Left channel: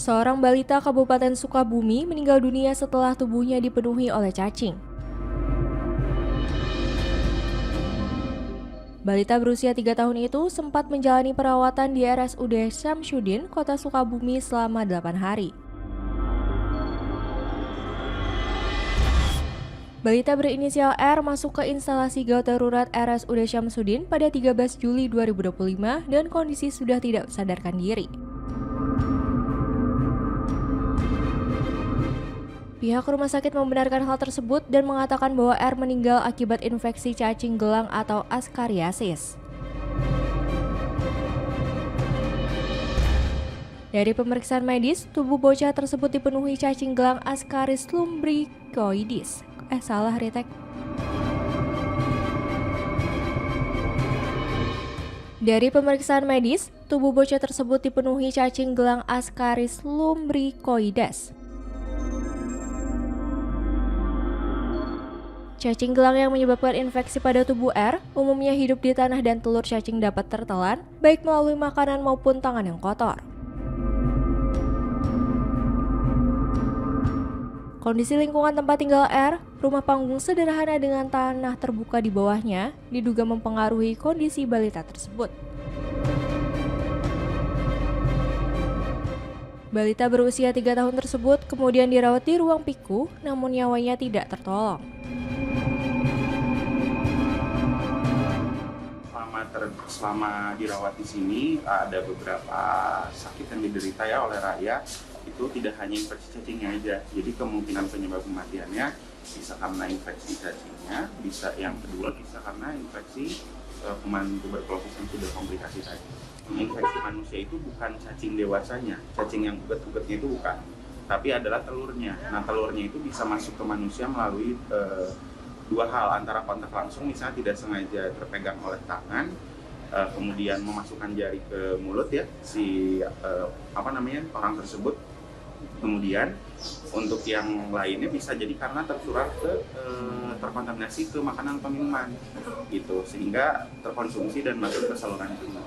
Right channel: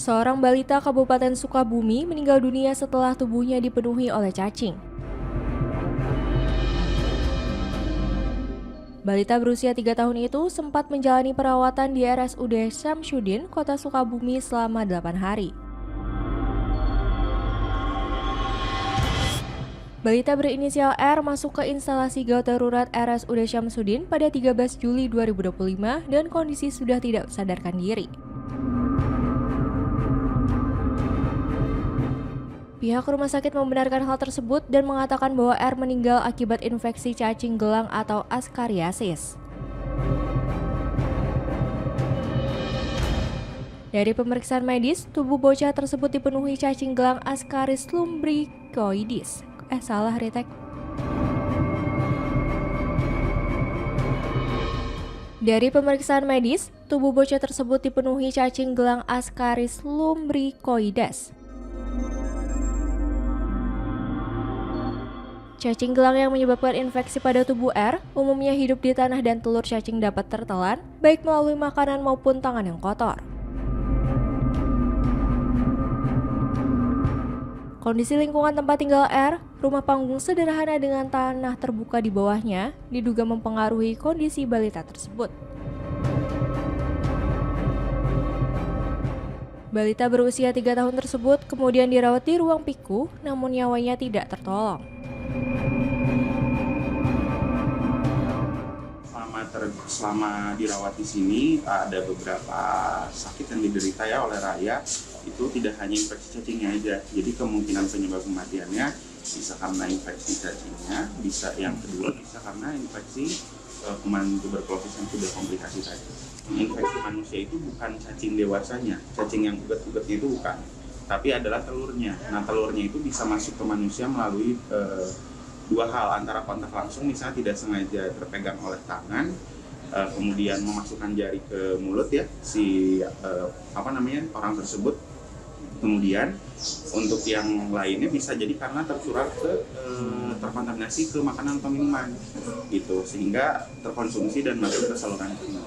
Seorang balita Kabupaten Sukabumi meninggal dunia setelah tubuhnya dipenuhi oleh cacing. Balita berusia 3 tahun itu sempat menjalani perawatan di RSUD Syamsuddin, Kota Sukabumi selama 8 hari. Balita berinisial R masuk ke instalasi gawat darurat RSUD Syamsuddin pada 13 Juli 2025 dan kondisi sudah tidak sadarkan diri. Pihak rumah sakit membenarkan hal tersebut dan mengatakan bahwa R meninggal akibat infeksi cacing gelang atau askariasis. Dari pemeriksaan medis, tubuh bocah tersebut dipenuhi cacing gelang Ascaris lumbricoides. Dari pemeriksaan medis, tubuh bocah tersebut dipenuhi cacing gelang Ascaris lumbricoides. Cacing gelang yang menyebabkan infeksi pada tubuh R umumnya hidup di tanah dan telur cacing dapat tertelan, baik melalui makanan maupun tangan yang kotor. Kondisi lingkungan tempat tinggal R, rumah panggung sederhana dengan tanah terbuka di bawahnya, diduga mempengaruhi kondisi balita tersebut. Balita berusia 3 tahun tersebut kemudian dirawat di ruang PIKU, namun nyawanya tidak tertolong. Selama dirawat di sini ada beberapa sakit yang diderita ya oleh Raya. Itu tidak hanya infeksi cacingnya aja, jadi kemungkinan penyebab kematiannya bisa karena infeksi cacingnya, bisa yang kedua bisa karena infeksi kuman tuberkulosis yang sudah komplikasi tadi. Infeksi manusia itu bukan cacing dewasanya, cacing yang uget-ugetnya itu bukan, tapi adalah telurnya. Nah, telurnya itu bisa masuk ke manusia melalui dua hal, antara kontak langsung, misalnya tidak sengaja terpegang oleh tangan, kemudian memasukkan jari ke mulut ya orang tersebut. Kemudian untuk yang lainnya bisa jadi karena terkontaminasi ke makanan atau minuman gitu, sehingga terkonsumsi dan masuk ke saluran cerna.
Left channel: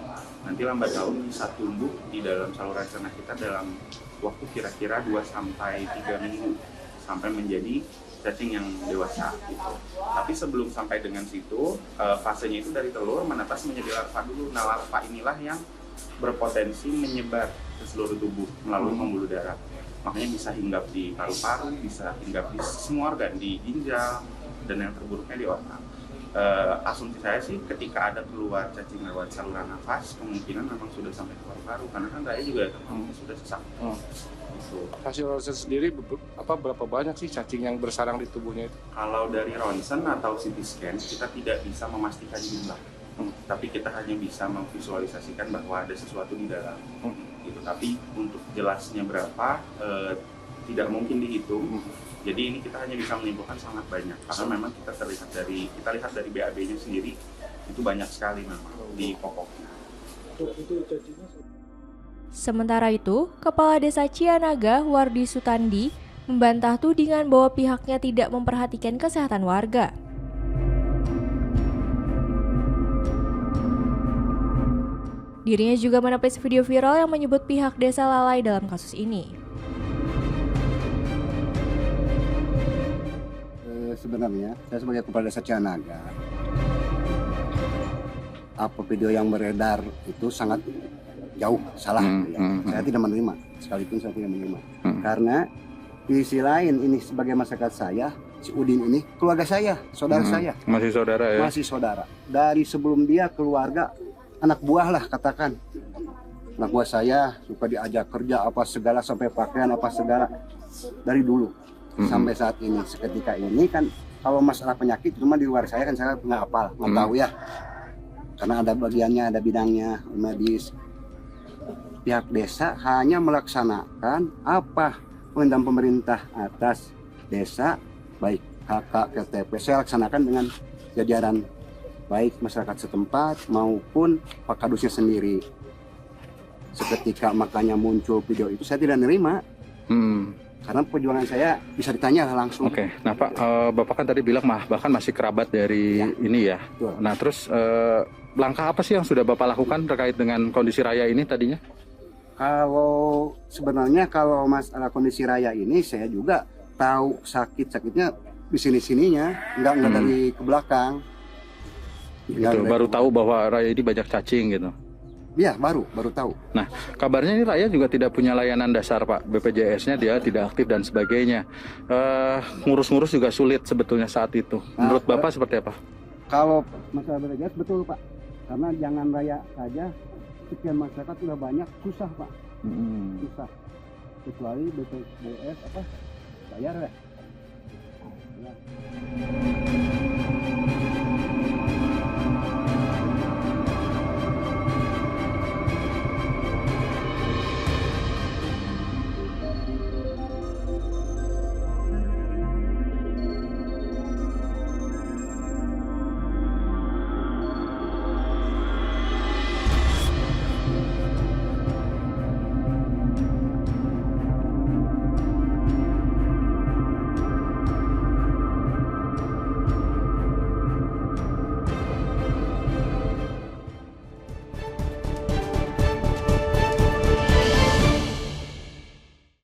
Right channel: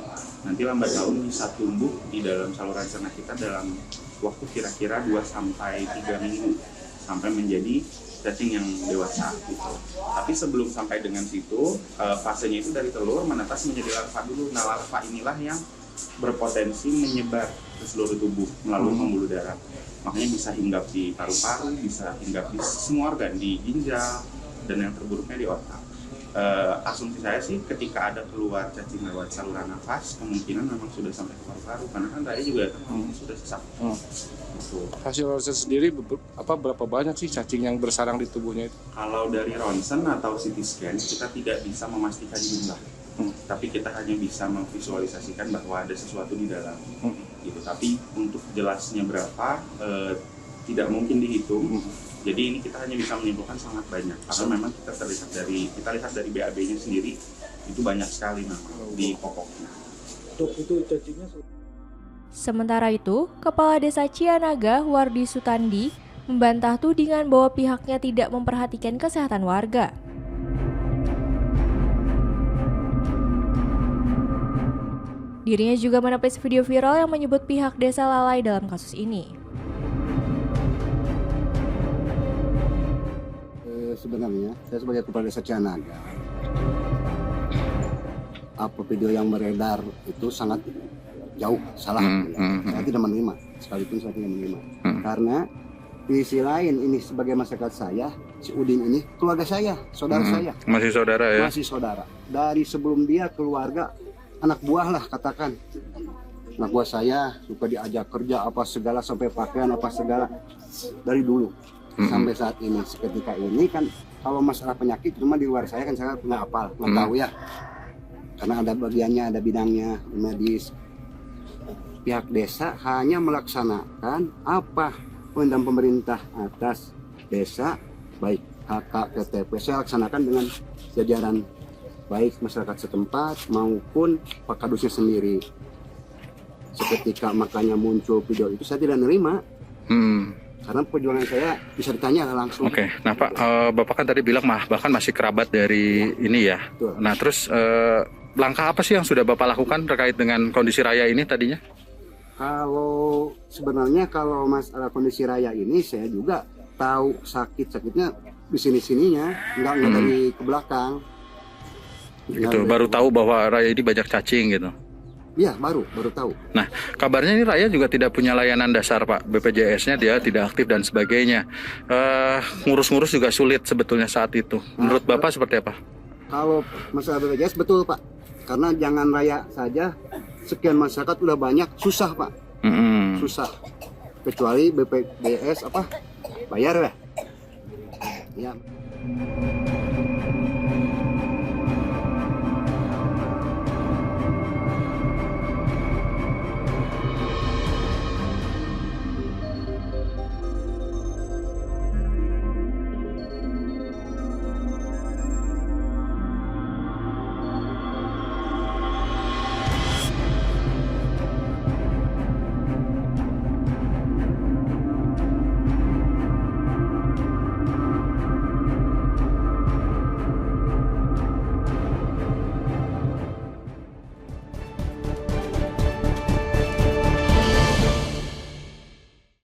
Nanti lambat laun bisa tumbuh di dalam saluran cerna kita dalam waktu kira-kira 2-3 minggu sampai menjadi cacing yang dewasa gitu. Tapi sebelum sampai dengan situ, fasenya itu dari telur menetas menjadi larva dulu. Nah, larva inilah yang berpotensi menyebar ke seluruh tubuh melalui pembuluh darah. Makanya bisa hinggap di paru-paru, bisa hinggap di semua organ, di ginjal, dan yang terburuknya di otak. Asumsi saya sih ketika ada keluar cacing lewat saluran nafas, kemungkinan memang sudah sampai ke paru-paru, karena kan Raya juga sudah sesak. Hasil ronsen sendiri berapa banyak sih cacing yang bersarang di tubuhnya itu? Kalau dari ronsen atau CT scan kita tidak bisa memastikan jumlah, tapi kita hanya bisa memvisualisasikan bahwa ada sesuatu di dalam. Gitu. Tapi untuk jelasnya berapa tidak mungkin dihitung. Jadi ini kita hanya bisa menyimpulkan sangat banyak, karena memang kita lihat dari BAB-nya sendiri itu banyak sekali memang di popoknya. Sementara itu, Kepala Desa Cianaga, Wardi Sutandi, membantah tudingan bahwa pihaknya tidak memperhatikan kesehatan warga. Dirinya juga menepis video viral yang menyebut pihak desa lalai dalam kasus ini. Sebenarnya, saya sebagai Kepala Desa Cianaga, apa video yang beredar itu sangat jauh salah. Saya tidak menerima, sekalipun saya tidak menerima. Karena di sisi lain ini sebagai masyarakat saya, si Udin ini keluarga saya, saudara saya. Masih saudara ya? Masih saudara. Dari sebelum dia keluarga, anak buah lah katakan. Anak buah saya suka diajak kerja apa segala, sampai pakaian apa segala dari dulu. Sampai saat ini, seketika ini kan kalau masalah penyakit cuma di luar saya kan saya nggak hafal, nggak tahu ya, karena ada bagiannya, ada bidangnya medis. Pihak desa hanya melaksanakan apa perintah pemerintah atas desa, baik HK, KTP, saya laksanakan dengan jajaran baik masyarakat setempat maupun Pak Kadusnya sendiri. Seketika makanya muncul video itu saya tidak nerima. Karena perjuangan saya bisa ditanya langsung. Oke. Nah Pak, Bapak kan tadi bilang bahkan masih kerabat dari ini ya. Betul. Nah terus langkah apa sih yang sudah Bapak lakukan terkait dengan kondisi Raya ini tadinya? Kalau sebenarnya kalau masalah kondisi Raya ini saya juga tahu sakitnya di sininya, nggak dari ke belakang. Gitu. Baru tahu bahwa Raya ini banyak cacing gitu. Iya, baru tahu. Nah, kabarnya ini Raya juga tidak punya layanan dasar, Pak. BPJS-nya dia tidak aktif dan sebagainya. Ngurus-ngurus juga sulit sebetulnya saat itu. Menurut Bapak seperti apa? Kalau masalah BPJS betul Pak, karena jangan Raya saja, sekian masyarakat udah banyak, susah Pak, susah. Kecuali BPJS bayar lah. Ya.